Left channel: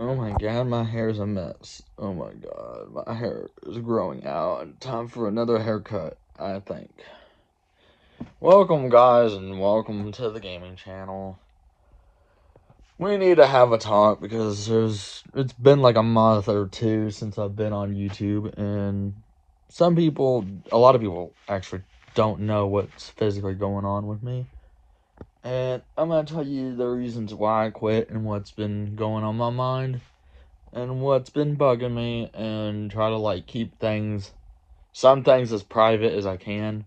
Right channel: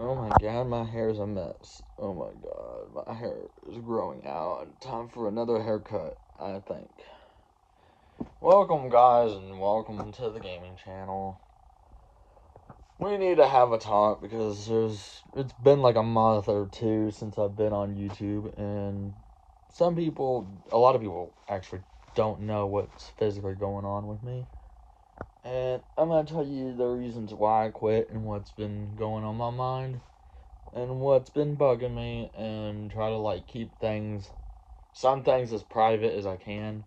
Oh my god, my hair's a mess. Oh my god, my hair is growing out. Time for another haircut, I think. Welcome, guys, and welcome to the gaming channel. We need to have a talk because it's been like a month or two since I've been on YouTube, and a lot of people actually don't know what's physically going on with me. And I'm gonna tell you the reasons why I quit and what's been going on my mind and what's been bugging me, and try to like keep some things as private as I can.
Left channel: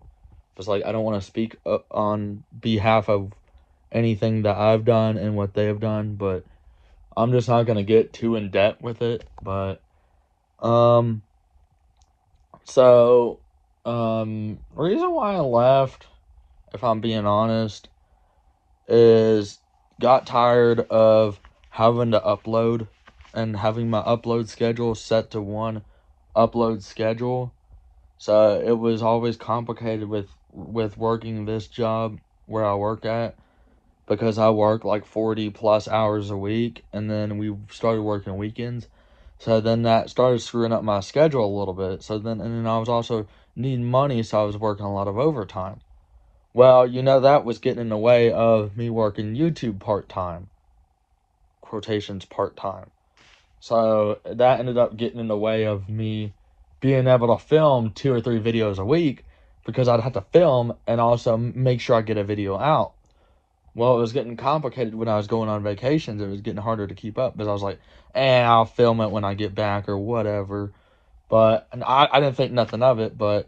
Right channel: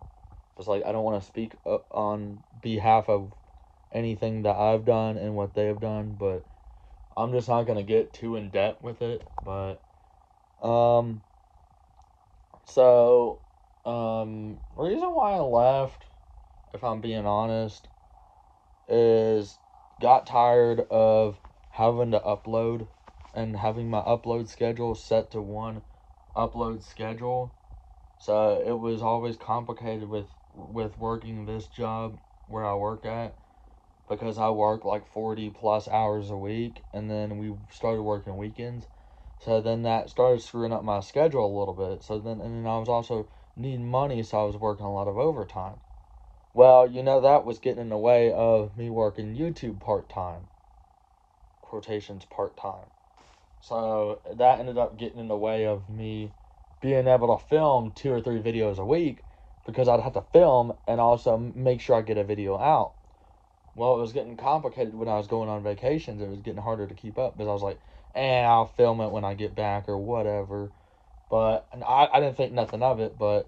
Just like I don't want to speak on behalf of anything that I've done and what they have done, but I'm just not gonna get too in depth with it. But um, so reason why I left, if I'm being honest, is got tired of having to upload and having my upload schedule set to one upload schedule. So it was always complicated with working this job where I work at, because I work like 40 plus hours a week, and then we started working weekends. So then that started screwing up my schedule a little bit. And then I was also needing money, so I was working a lot of overtime. Well, that was getting in the way of me working YouTube part-time, quotations part-time. So that ended up getting in the way of me being able to film 2 or 3 videos a week, because I'd have to film and also make sure I get a video out. Well, it was getting complicated when I was going on vacations. It was getting harder to keep up because I was like, I'll film it when I get back or whatever. And I didn't think nothing of it, but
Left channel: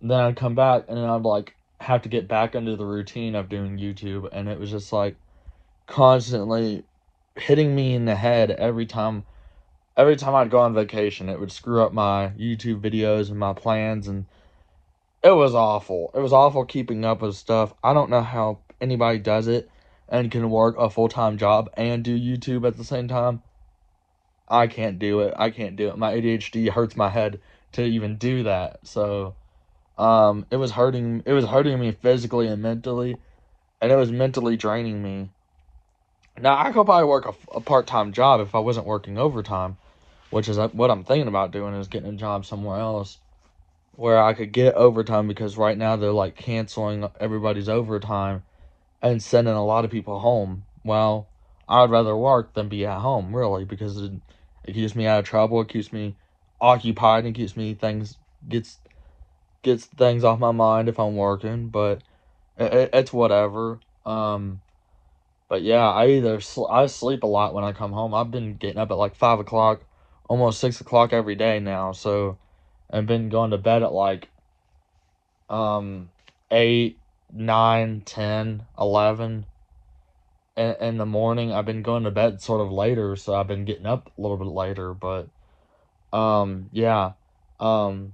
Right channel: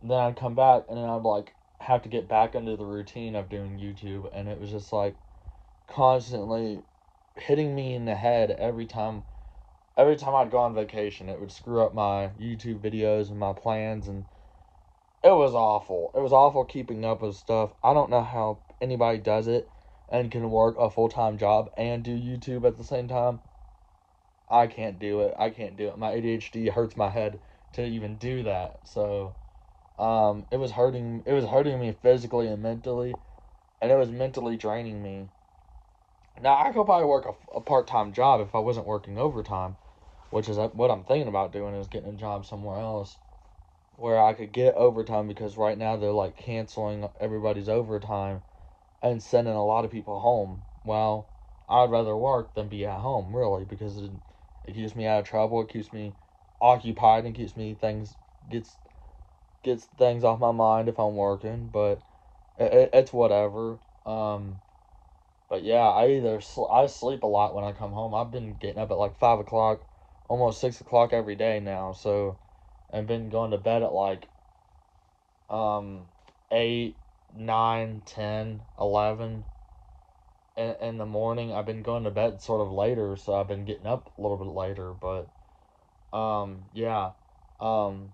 then I'd come back and then I'd like have to get back into the routine of doing YouTube, and it was just like constantly hitting me in the head every time I'd go on vacation. It would screw up my YouTube videos and my plans, and it was awful. It was awful keeping up with stuff. I don't know how anybody does it and can work a full-time job and do YouTube at the same time. I can't do it. I can't do it. My ADHD hurts my head to even do that. So, it was hurting me physically and mentally, and it was mentally draining me. Now, I could probably work a part-time job if I wasn't working overtime, which is what I'm thinking about doing, is getting a job somewhere else where I could get overtime, because right now they're like canceling everybody's overtime and sending a lot of people home. Well, I'd rather work than be at home, really, because it keeps me out of trouble. It keeps me occupied and keeps me gets things off my mind if I'm working. But it's whatever. But yeah, I sleep a lot when I come home. I've been getting up at like 5 o'clock, almost 6 o'clock every day now. So I've been going to bed at like 8, 9, 10, 11 in the morning. I've been going to bed sort of later, so I've been getting up a little bit later. But yeah, um,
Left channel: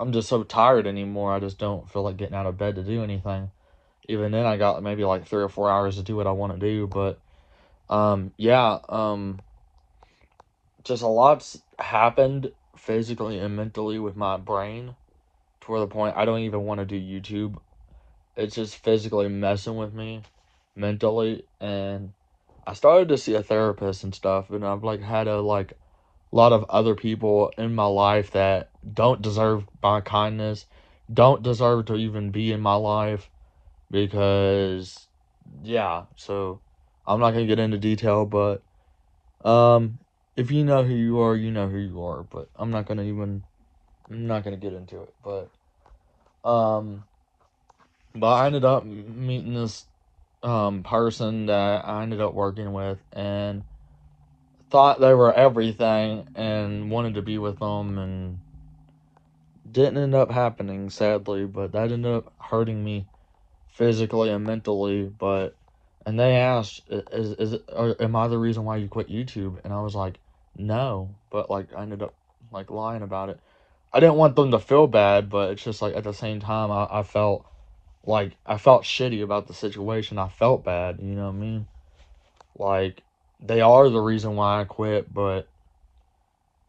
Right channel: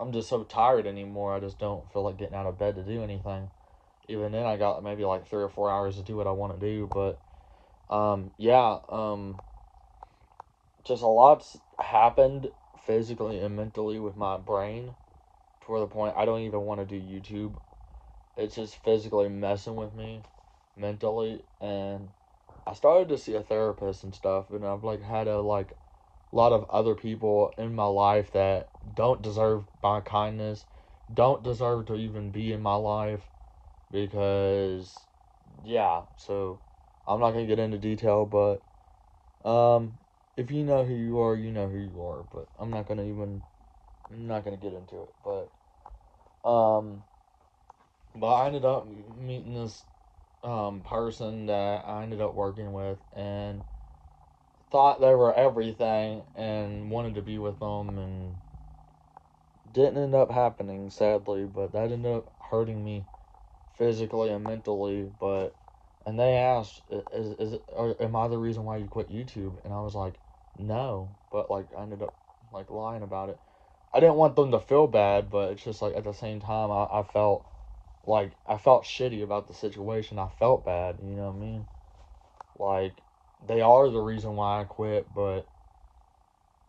I'm just so tired anymore. I just don't feel like getting out of bed to do anything. Even then, I got maybe like 3 or 4 hours to do what I want to do. But yeah, just a lot's happened physically and mentally with my brain, to where the point I don't even want to do YouTube. It's just physically messing with me mentally, and I started to see a therapist and stuff, and I've like had a lot of other people in my life that don't deserve my kindness, don't deserve to even be in my life, because yeah. So I'm not gonna get into detail, but um, if you know who you are, you know who you are. But I'm not gonna get into it. Um, but I ended up meeting this person that I ended up working with, and thought they were everything and wanted to be with them, and didn't end up happening, sadly. But that ended up hurting me physically and mentally. And they asked, am I the reason why you quit YouTube? And I was like, no. But like I ended up like lying about it. I didn't want them to feel bad, but it's just like at the same time I felt shitty about the situation. I felt bad, you know what I mean? Like, they are the reason why I quit, but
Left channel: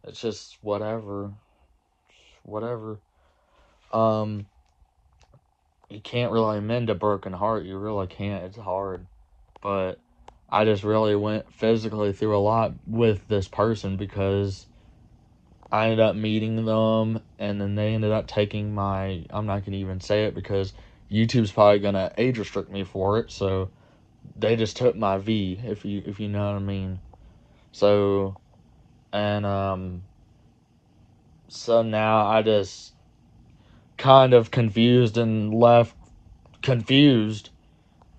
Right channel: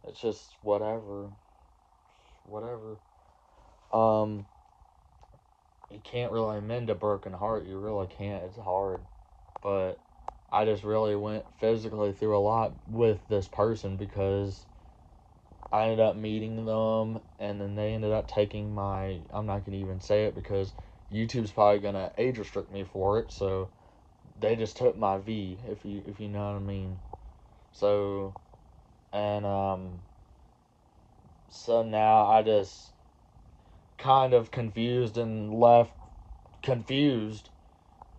it's just whatever. Whatever. Um, you can't really mend a broken heart. You really can't. It's hard. But I just really went physically through a lot with this person because I ended up meeting them, and then they ended up taking my. I'm not gonna even say it because YouTube's probably gonna age restrict me for it. So they just took my V, if you know what I mean. So and so now I just kind of confused and left confused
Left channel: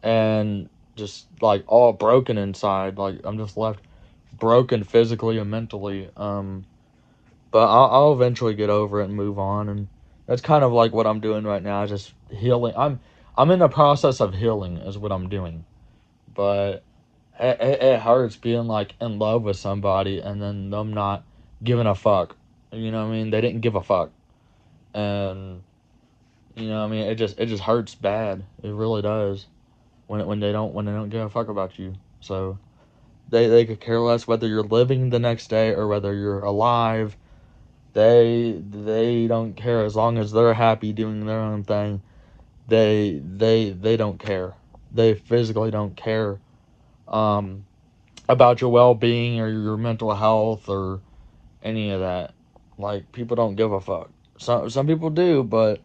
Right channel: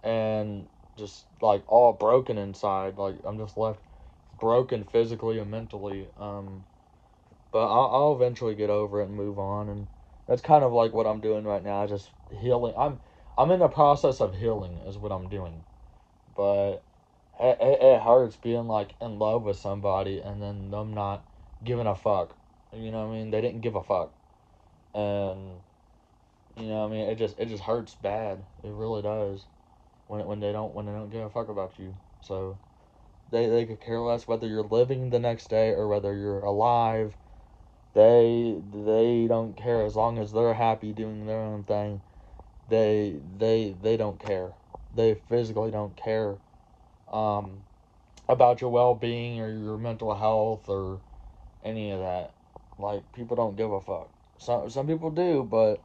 and just like all broken inside. Like I'm just left broken physically and mentally. But I'll eventually get over it and move on, and that's kind of like what I'm doing right now. Just healing. I'm in the process of healing is what I'm doing, but it hurts being like in love with somebody and then them not giving a fuck. You know what I mean? They didn't give a fuck, and you know what I mean. It just hurts bad. It really does when they don't give a fuck about you. So they could care less whether you're living the next day or whether you're alive. They don't care as long as they're happy doing their own thing. They don't care. They physically don't care um about your well-being or your mental health or any of that. Like people don't give a fuck. Some people do, but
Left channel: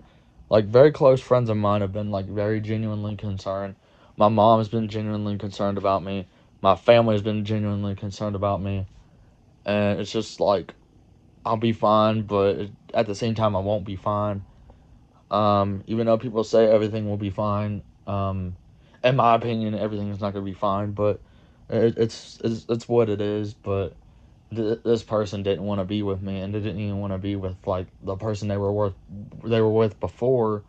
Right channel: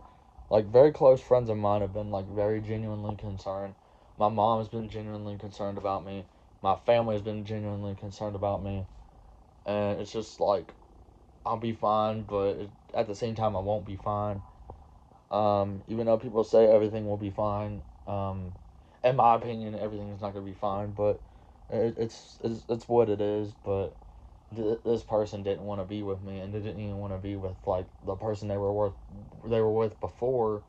like very close friends of mine have been like very genuinely concerned. My mom has been genuinely concerned about me. My family has been genuinely concerned about me. And it's just like I'll be fine, but at the same time I won't be fine. Even though people say everything will be fine, in my opinion, everything is not gonna be fine. But it's what it is. But this person didn't want to be with me, and they didn't even want to be with like the person they were with before,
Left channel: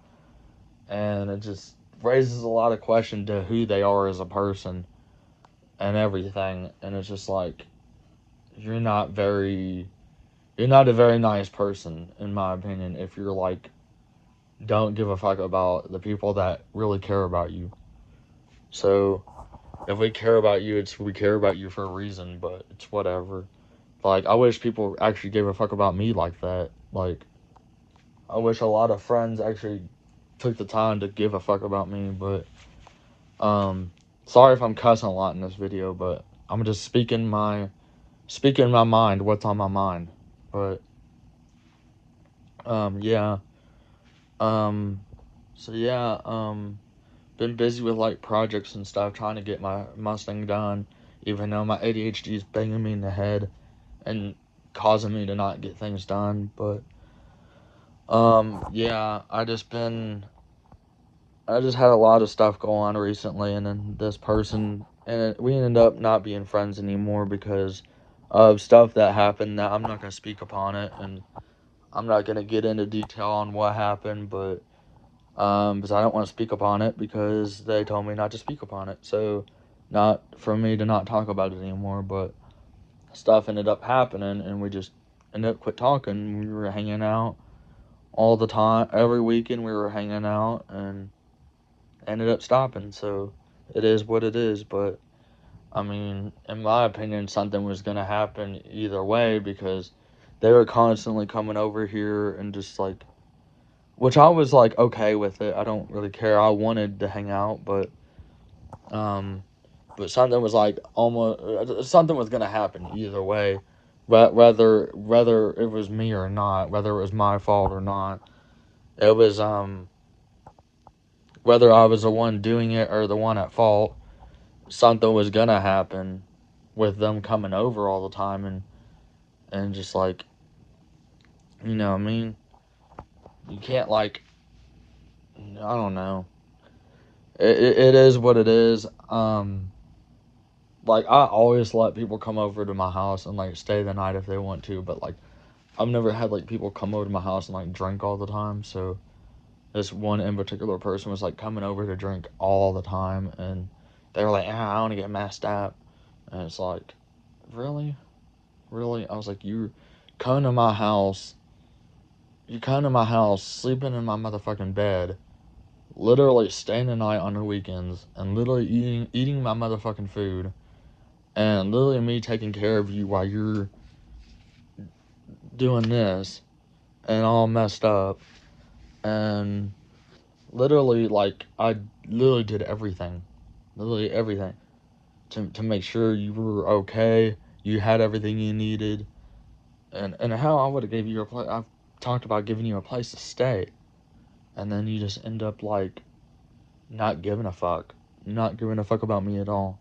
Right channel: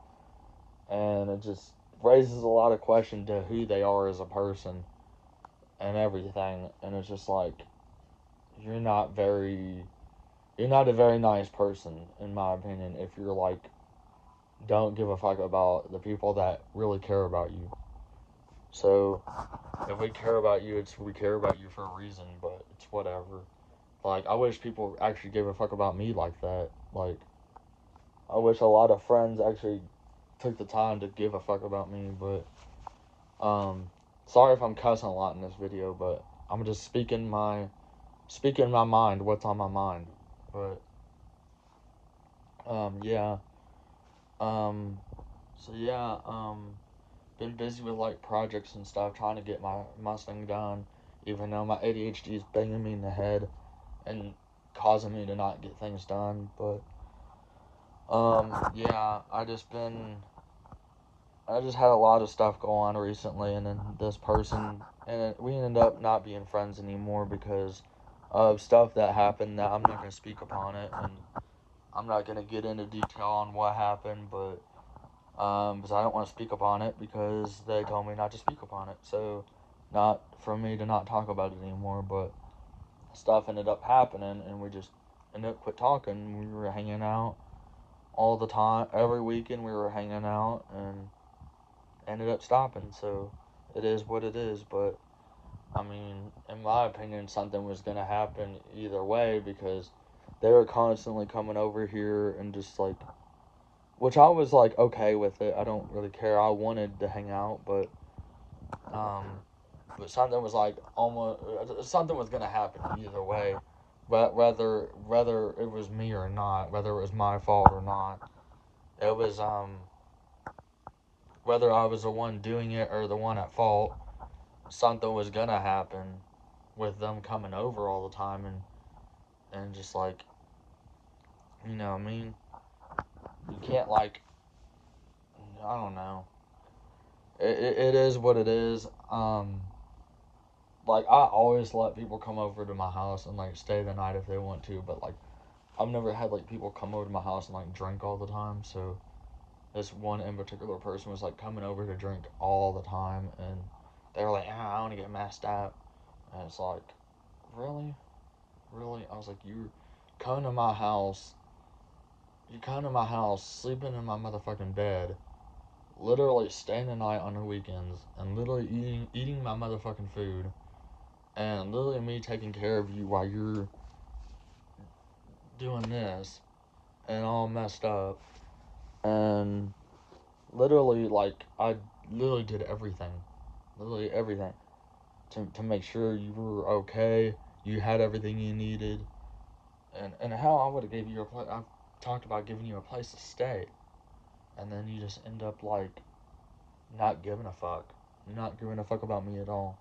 and it just raises a lot of question to who they are as a person and everything. And it's just like you're not very you're not a very nice person in my opinion if you're like don't give a fuck about the people that really care about you. So if we care about you, we care about you for a reason, but it's whatever. Like I wish people actually gave a fuck about me like that. Like I wish a lot of friends actually took the time to give a fuck about me, but sorry if I'm cussing a lot in this video, but I'm just speaking my mind, what's on my mind. But yeah. Um so yeah, been busy with like projects and stuff trying to get my Mustang done, even though my ADHD is banging me in the head and causing me to not get things done. But yeah, I just had a lot of stuff go on recently, and then this person, and we ended up not being friends anymore because of stuff that happened that I'm not gonna speak upon it, and I'm not gonna get into detail on what happened, but because I don't want to speak upon it because they told me not to speak upon it, so not for me to not talk about it anymore. But stuff ended up happening, and we just ended up quit talking. We were hanging out all the time, every weekend we were hanging out, and ended up stopping. So it is what it is. But I mean, in my opinion, something was gonna happen either way because they were constantly coming over here and just like, which I was like okay with it. I don't really care. I wanted to hang out, um, but something was like almost something was gonna happen either way, whether it was me or not, whether it was my fault or not. It was whether I was the one doing it or the one at fault. Something was gonna happen with them coming over all the time and just like what I mean, you can't like I don't know. It is what it is. Like I always let people come over to my house and like stay the night if they want to, but like I've never had like people come over to my house and like drink all the time. So this one in particular person was like coming over to drink all the time, and they were like, I want to get messed up, and it's like, really, really? I was like, come to my house, you come to my house, sleeping in my motherfucking bed, literally staying the night on the weekends, and literally eating my motherfucking food, and literally me taking care of you while you're doing this and all messed up, and literally like I literally did everything, literally everything. to make sure you were okay, you had everything you needed, and hell, I would have gave you a place. I've talked about giving you a place to stay, and then you just end up like not giving a fuck, not giving a fuck about me at all,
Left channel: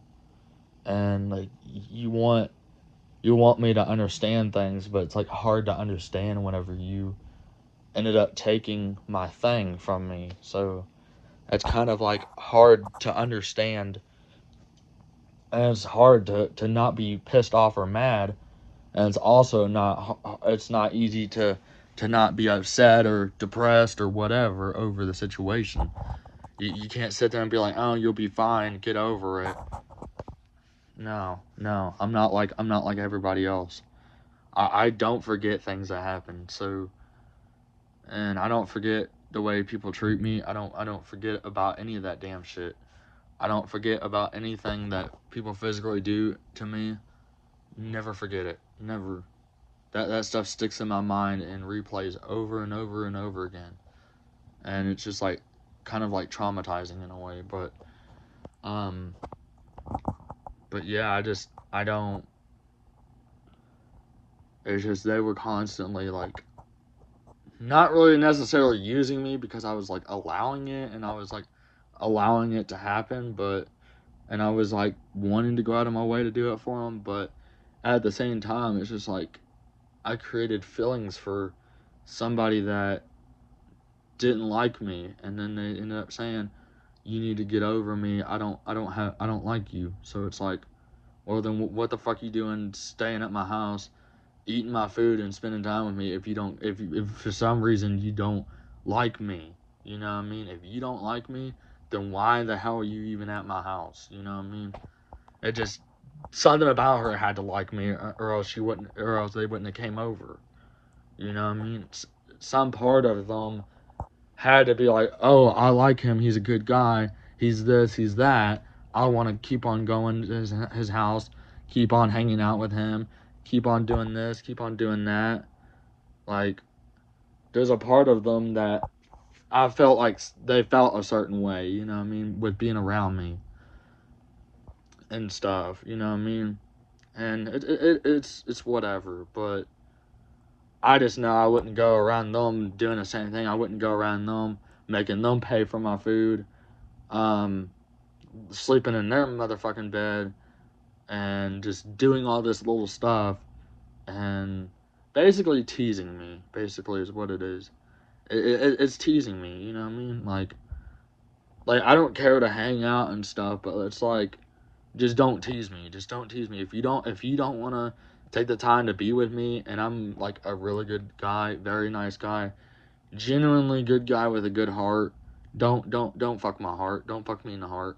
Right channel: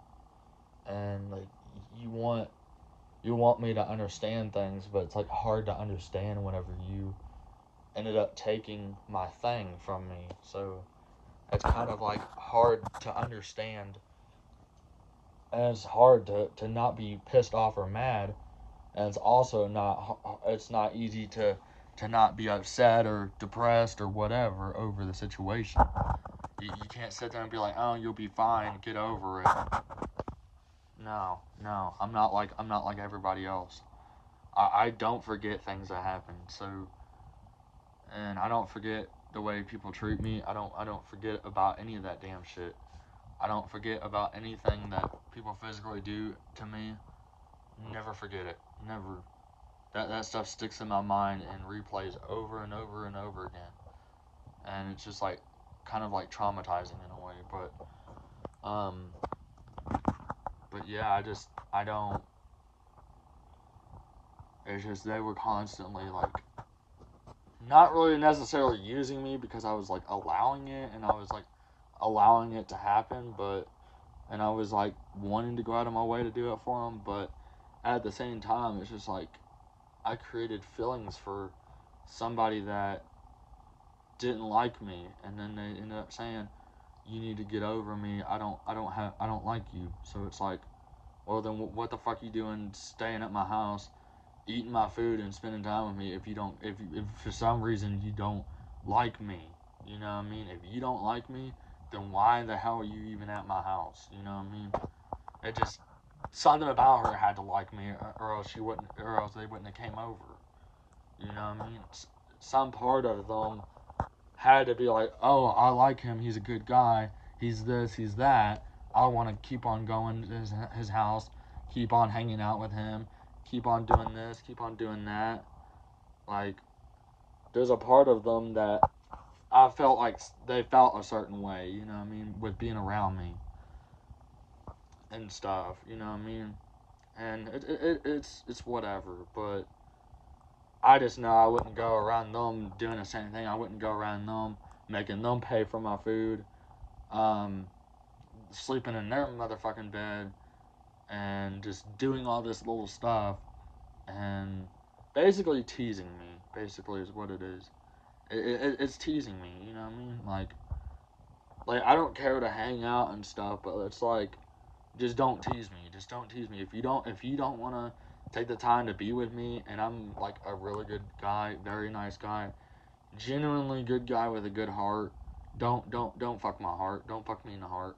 and like you want you want me to understand things, but it's like hard to understand whenever you ended up taking my thing from me. So it's kind of like hard to understand, and it's hard to not be pissed off or mad, and it's also not easy to not be upset or depressed or whatever over the situation. You can't sit there and be like, oh, you'll be fine, get over it. No, I'm not like everybody else. I don't forget things that happen. So, and I don't forget the way people treat me. I don't forget about any of that damn shit. I don't forget about anything that people physically do to me. Never forget it. Never. That stuff sticks in my mind and replays over and over and over again. And it's just like kind of like traumatizing in a way, um but yeah, I don't, it's just they were constantly like not really necessarily using me because I was like allowing it, and I was like allowing it to happen, but and I was like wanting to go out of my way to do it for them, but at the same time it's just like I created feelings for somebody that didn't like me, and then they ended up saying, you need to get over me, I don't like you. So it's like, well then what the fuck you doing staying at my house eating my food and spending time with me if you don't, if for some reason you don't like me? You know what I mean? If you don't like me, then why the hell are you even at my house? You know what I mean? It just, something about her had to like me, or else she wouldn't, or else they wouldn't have came over. You know what I mean? Some part of them had to be like, oh, I like him, he's a good guy, he's this, he's that. I want to keep on going to his house, keep on hanging out with him, keep on doing this, keep on doing that. Like, there's a part of them that I felt like they felt a certain way, you know what I mean, with being around me and stuff, you know what I mean? And it's whatever, but I just know I wouldn't go around them doing the same thing. I wouldn't go around them making them pay for my food, um, sleeping in their motherfucking bed, and just doing all this little stuff, and basically teasing me. Basically, is what it is. It's teasing me. You know what I mean? Like I don't care to hang out and stuff, but it's like, just don't tease me. Just don't tease me. If you don't want to take the time to be with me, and I'm like a really good guy, very nice guy, genuinely good guy with a good heart, don't fuck my heart. Don't fuck me in the heart.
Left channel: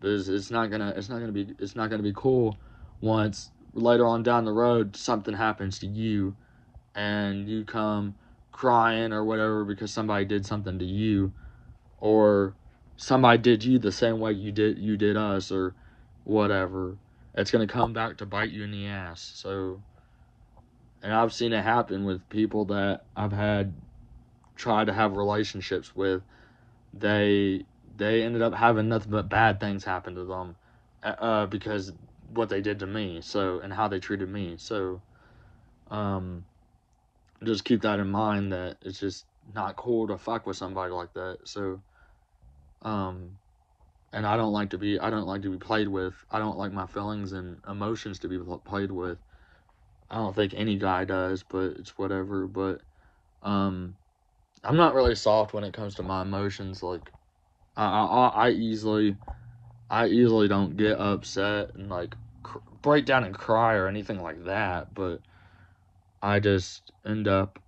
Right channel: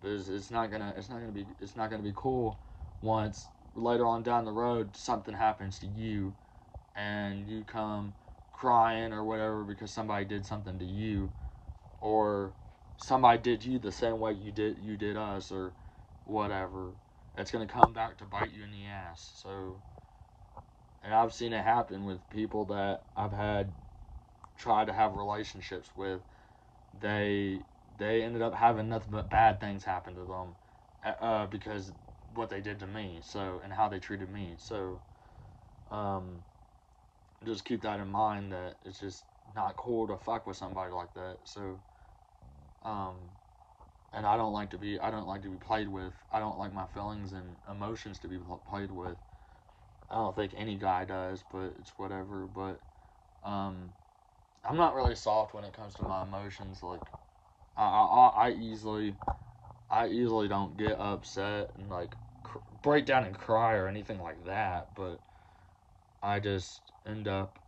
Because it's not gonna be cool once later on down the road something happens to you and you come crying or whatever because somebody did something to you, or somebody did you the same way you did us, or whatever. It's gonna come back to bite you in the ass. So, and I've seen it happen with people that I've had tried to have relationships with. They they ended up having nothing but bad things happen to them, because what they did to me. So, and how they treated me. So, um, just keep that in mind, that it's just not cool to fuck with somebody like that. So, um, and I don't like to be played with. I don't like my feelings and emotions to be played with. I don't think any guy does, but it's whatever. But um, I'm not really soft when it comes to my emotions. Like I easily don't get upset and like break down and cry or anything like that. But I just end up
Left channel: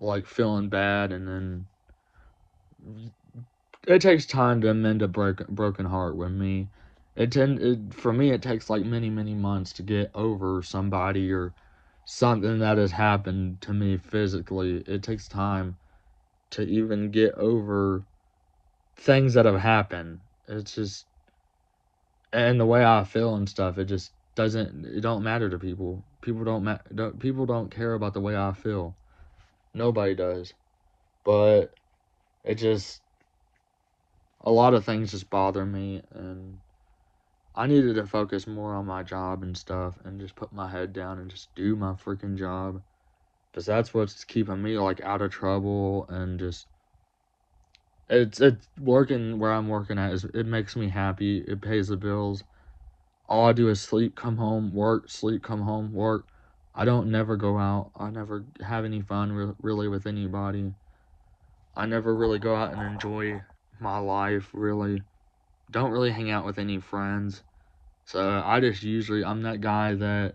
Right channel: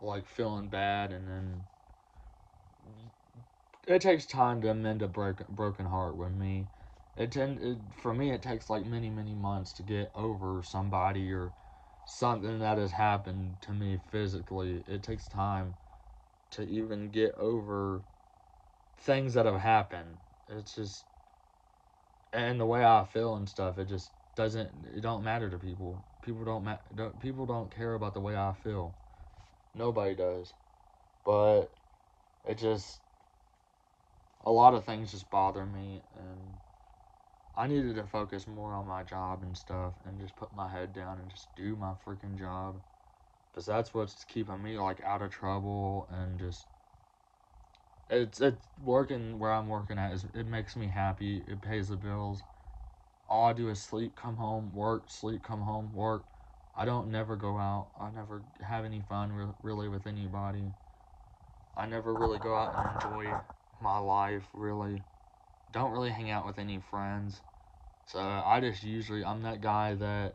like feeling bad, and then it takes time to mend a broken heart with me. For me it takes like many months to get over somebody or something that has happened to me physically. It takes time to even get over things that have happened. It's just, and the way I feel and stuff, it don't matter to people. People don't care about the way I feel. Nobody does. But it just, a lot of things just bother me, and I needed to focus more on my job and stuff and just put my head down and just do my freaking job. Because that's what's keeping me, like, out of trouble and just... It's working where I'm working at. It makes me happy. It pays the bills. All I do is sleep, come home, work, sleep, come home, work. I don't never go out. I never have any fun really with anybody. I never really go out and enjoy my life, really. Don't really hang out with any friends. So I just usually, I'm that guy that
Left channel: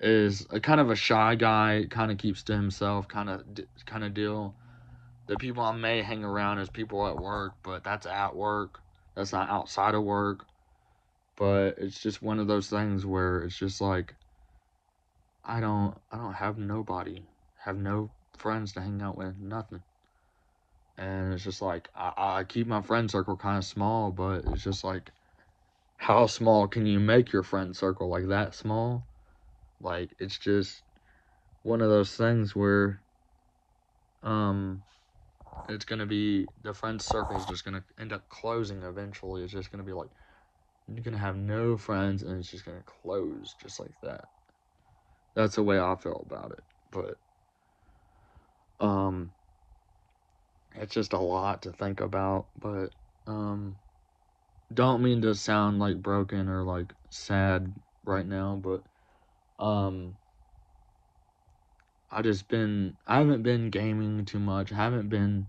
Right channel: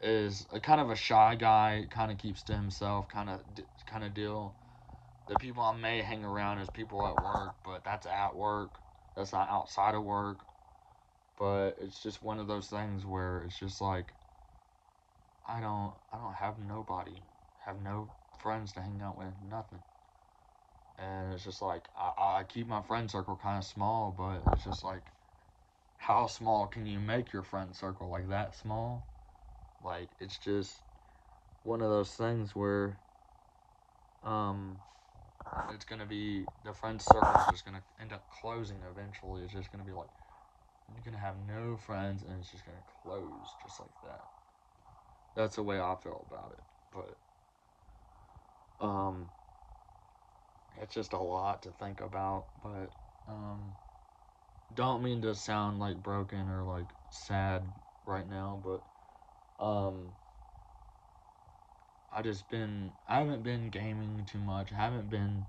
is a kind of a shy guy, kind of keeps to himself, kind of deal. The people I may hang around is people at work, but that's at work. That's not outside of work. But it's just one of those things where it's just like I don't have nobody, have no friends to hang out with, nothing. And it's just like I keep my friend circle kind of small, but it's just like how small can you make your friend circle, like that small? Like it's just one of those things where um it's gonna be the friend circle is just gonna end up closing eventually. It's just gonna be like you're gonna have no friends and it's just gonna close just like that. That's the way I feel about it. But um it's just a lot to think about, but um don't mean to sound like broken or like sad right now, but um I haven't been gaming too much. I haven't been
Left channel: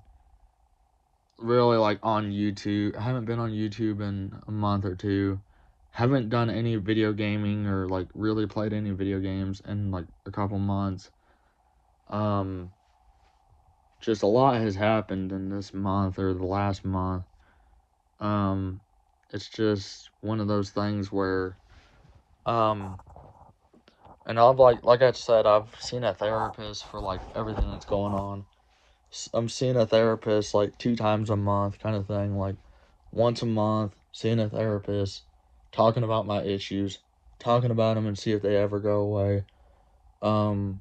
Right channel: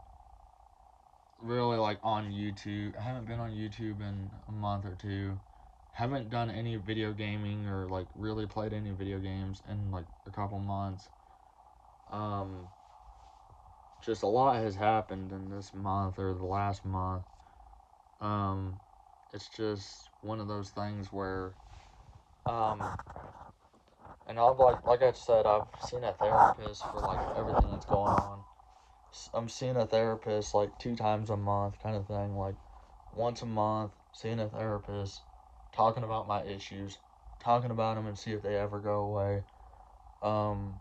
really like on YouTube. I haven't been on YouTube in a month or two. Haven't done any video gaming or like really played any video games in like a couple months. Um just a lot has happened in this month or the last month. Um it's just one of those things where um and I've like I said, I've seen a therapist for like everything that's going on. I'm seeing a therapist like 2 times a month, kind of thing. Like once a month, seeing a therapist, talking about my issues, talking about them and see if they ever go away. Um,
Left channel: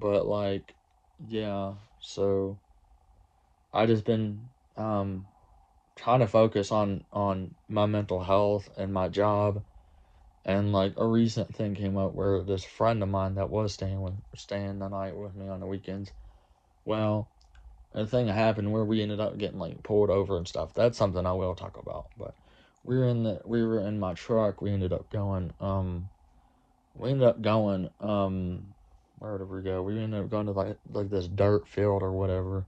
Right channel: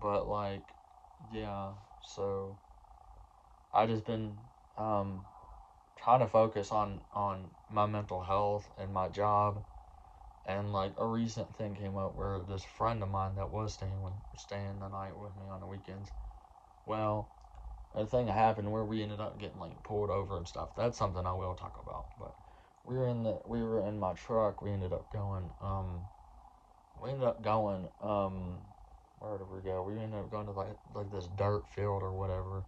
but like, yeah. So I just been um trying to focus on my mental health and my job. And like a recent thing came up where this friend of mine that was staying the night with me on the weekends. Well, a thing happened where we ended up getting like pulled over and stuff. That's something I will talk about. But we were in my truck. We ended up going where did we go? We ended up going to like this dirt field or whatever.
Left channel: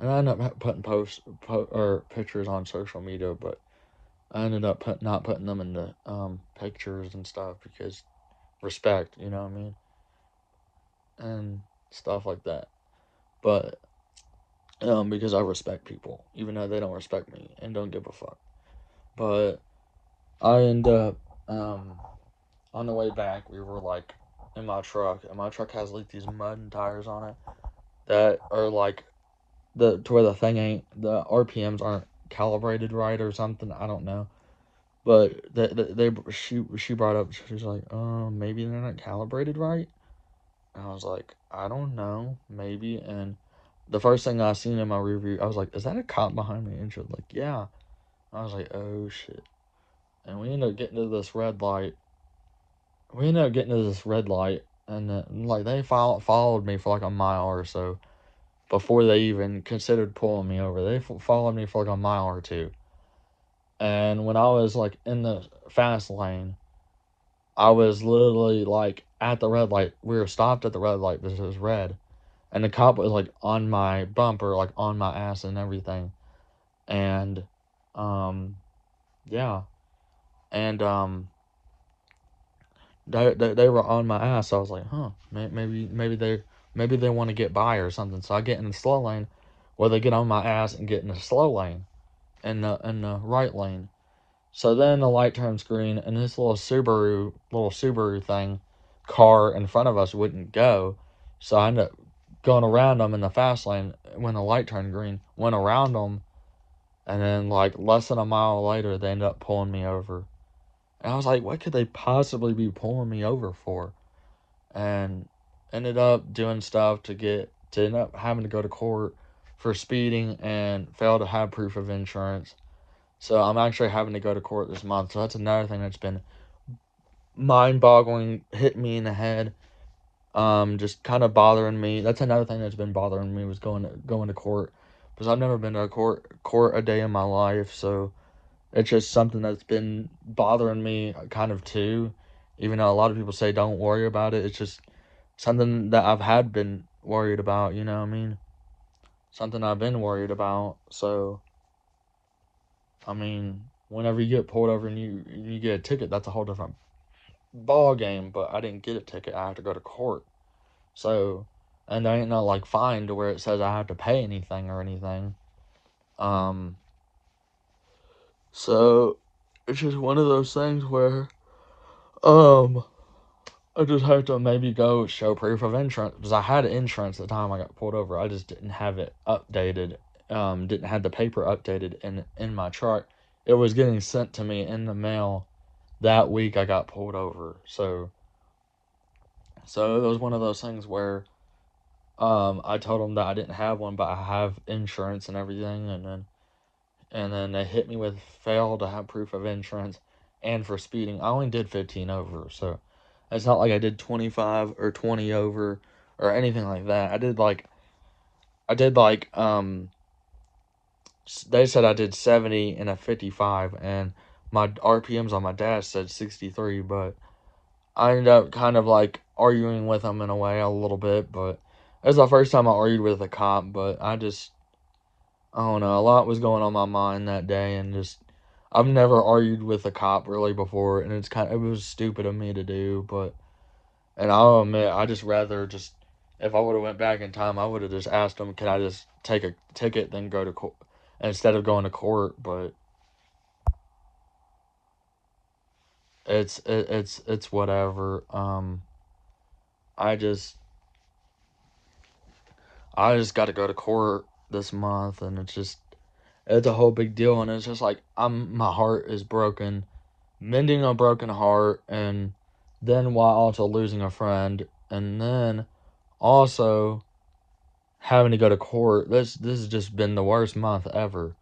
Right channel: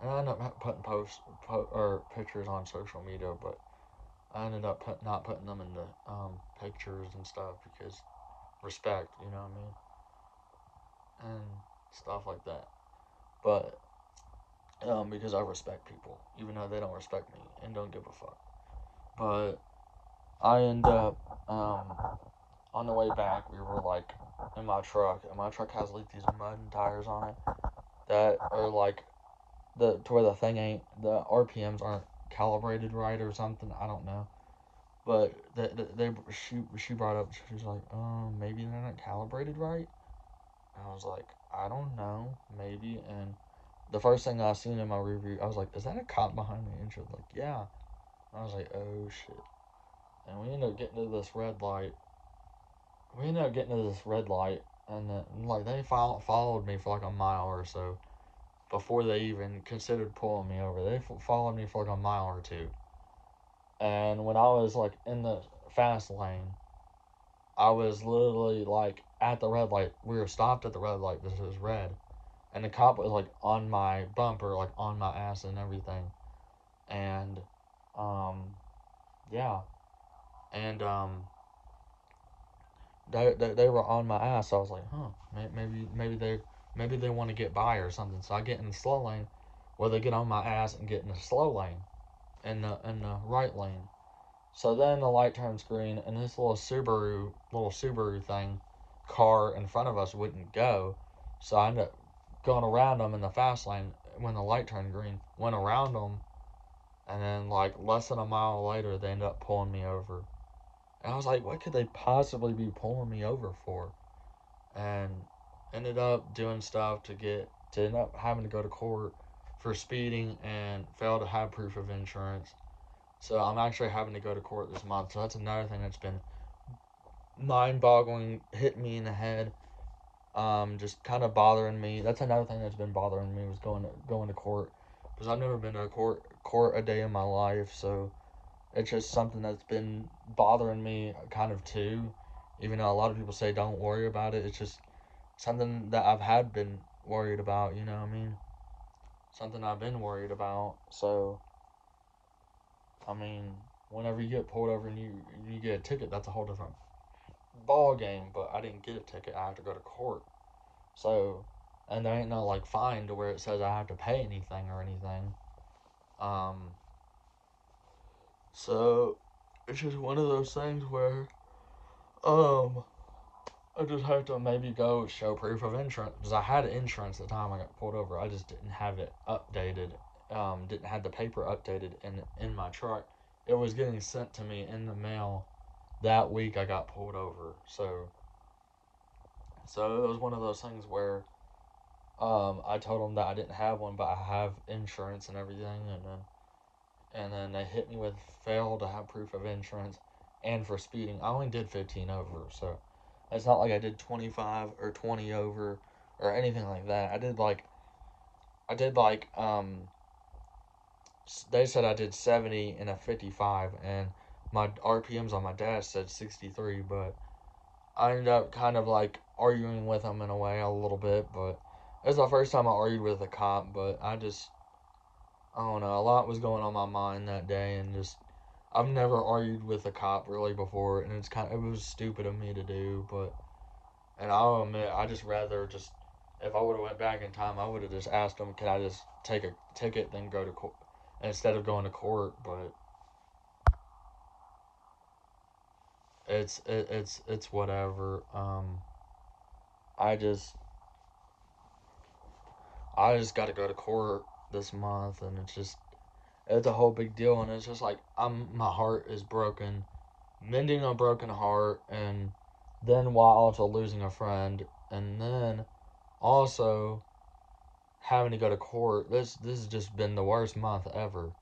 And I ended up putting or pictures on social media, but I ended up not putting them in the pictures and stuff because respect, you know what I mean, and stuff like that. But because I respect people, even though they don't respect me and don't give a fuck. But I end up on the way back, we were like in my truck, and my truck has like these mud tires on it that are like the to where the thing ain't the RPMs aren't calibrated right or something. I don't know. But she brought up, she's like, maybe they're not calibrated right. And I was like, I don't know, maybe. And the first thing I seen in my review, I was like, is that a cop behind me? And she was like, yeah. I was like, oh shit. And we ended up getting to this red light. And like they followed me for like a mile or so before they even considered pulling me over. They followed me for like a mile or two. And when I was like in the fast lane, I was literally like at the red light. We were stopped at the red light because it was red, and the cop was like on my bumper, like on my ass and everything. And um, yeah, and they were on my ass. So I was like, huh, maybe they want to get by or something. So I get in the slow lane, where they get on my ass and get in the slow lane, in the right lane. So then the light turns green, and this little Subaru thing, car in front of us wouldn't go. So I ended up going around them in the fast lane when the light turned green. Went around them, and then like less than a mile later, they ended up pulling me over. And I was like, what could they possibly be pulling me over for? And ended up doing stuff to end up having to go to court for speeding and fail to have proof of insurance. So I'm actually having to go to court this month. So that's another thing that's been mind-boggling, hitting me in the head. Just kind of bothering me. That's another thing that's been bothering me was going to court, because I've never been to a court a day in my life. So it's just something that's been bothering me kind of too. Even though a lot of people say don't worry about it, it's just something that I've had been worried about. You know what I mean? Something I've been worried about. So I mean, whenever you get pulled over and you get a ticket, that's a whole different ball game. But I didn't get a ticket. I have to go to court. So, and there ain't no like fine to where it says I have to pay anything or anything. Um, so it's just one of those things where um I just have to maybe go show proof of insurance, because I had insurance at the time I got pulled over. I just didn't have it updated. Didn't have the paper updated in my truck. It was getting sent to me in the mail that week I got pulled over. So it was one of those things where I told them that I didn't have one, but I have insurance and everything, and then they hit me with fail to have proof of insurance and for speeding. I only did 15 over, so it's not like I did 25 or 20 over or anything like that. I did like they said I did 70 and a 55, and my RPMs on my dash said 63, but I ended up kind of like arguing with them in a way a little bit. But it was the first time I argued with a cop. But I don't know, a lot was going on my mind that day, and just I've never argued with a cop really before, and it was stupid of me to do. But and I'll admit, I just rather just, if I would have went back in time, I would have just asked them, could I just take a ticket then go to court instead of going to court. But it's whatever. I just I just got to go to court this month, and it's a whole big deal, and it's just like my heart is broken, mending a broken heart, and then while also losing a friend, and then also having to go to court. This has just been the worst month ever.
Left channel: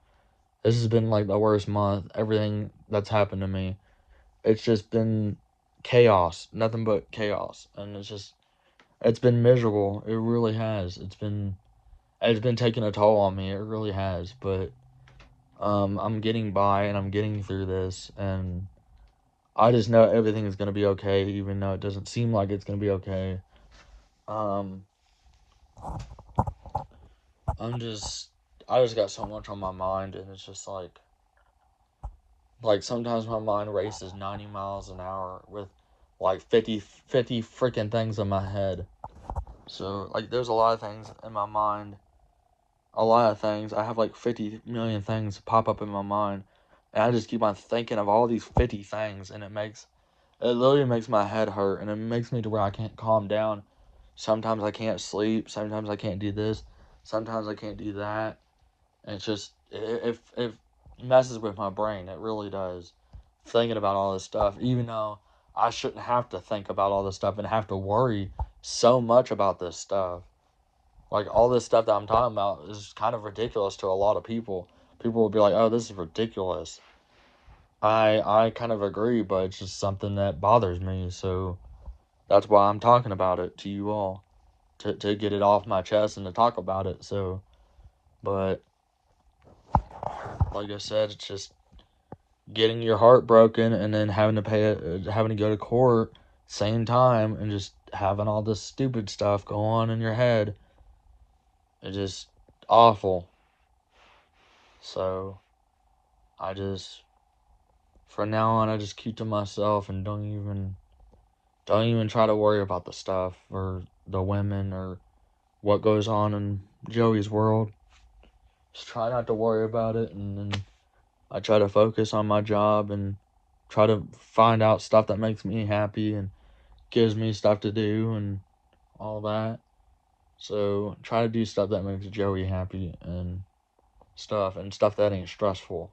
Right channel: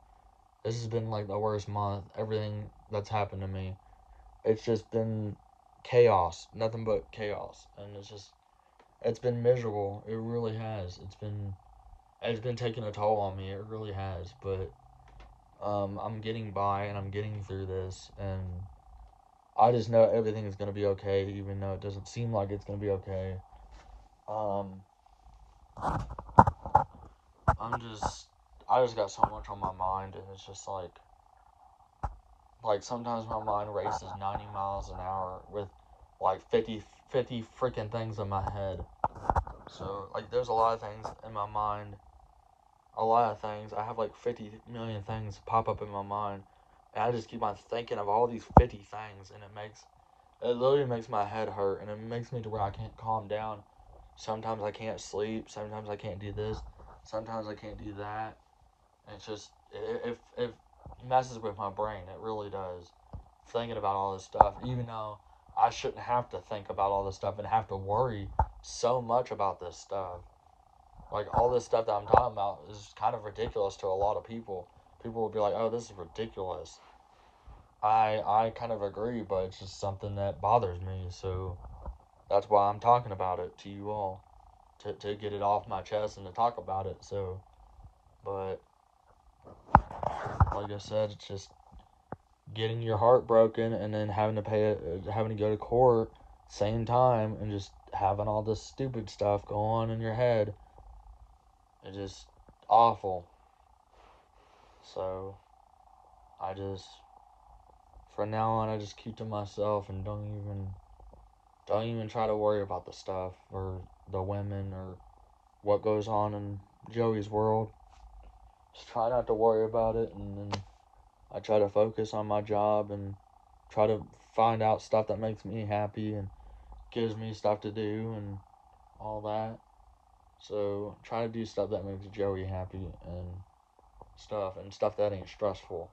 This has been like the worst month. Everything that's happened to me, it's just been chaos, nothing but chaos, and it's been miserable. It really has. It's been taking a toll on me. It really has. But I'm getting by, and I'm getting through this, and I just know everything is gonna be okay, even though it doesn't seem like it's gonna be okay. Um, I'm just, I just got so much on my mind, and it's just like sometimes my mind races 90 miles an hour with like 50 freaking things in my head. So like, there's a lot of things in my mind. A lot of things. I have like 50 million things pop up in my mind, and I just keep on thinking of all these 50 things, and it literally makes my head hurt, and it makes me to where I can't calm down. Sometimes I can't sleep. Sometimes I can't do this. Sometimes I can't do that. And it's just, it messes with my brain. It really does. Thinking about all this stuff, even though I shouldn't have to think about all this stuff and have to worry so much about this stuff. Like, all this stuff that I'm talking about is kind of ridiculous to a lot of people. People will be like, oh, this is ridiculous. I kind of agree, but it's just something that bothers me. So that's why I'm talking about it to you all, to get it off my chest and to talk about it. So, but like I said, it's just getting your heart broken, and then having to having to go to court same time, and just having all this stupid stuff go on in your head. It's just awful. So I just, from now on, I just keep to myself, and don't even try to worry about the stuff or the women or what goes on in Joey's world. Just try not to worry about it, and then I try to focus on my job and try to find out stuff that makes me happy and gives me stuff to do and all that. So try to do stuff that makes Joey happy and stuff that ain't stressful.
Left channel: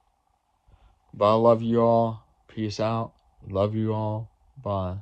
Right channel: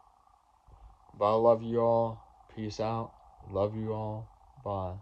But I love you all. Peace out. Love you all. Bye.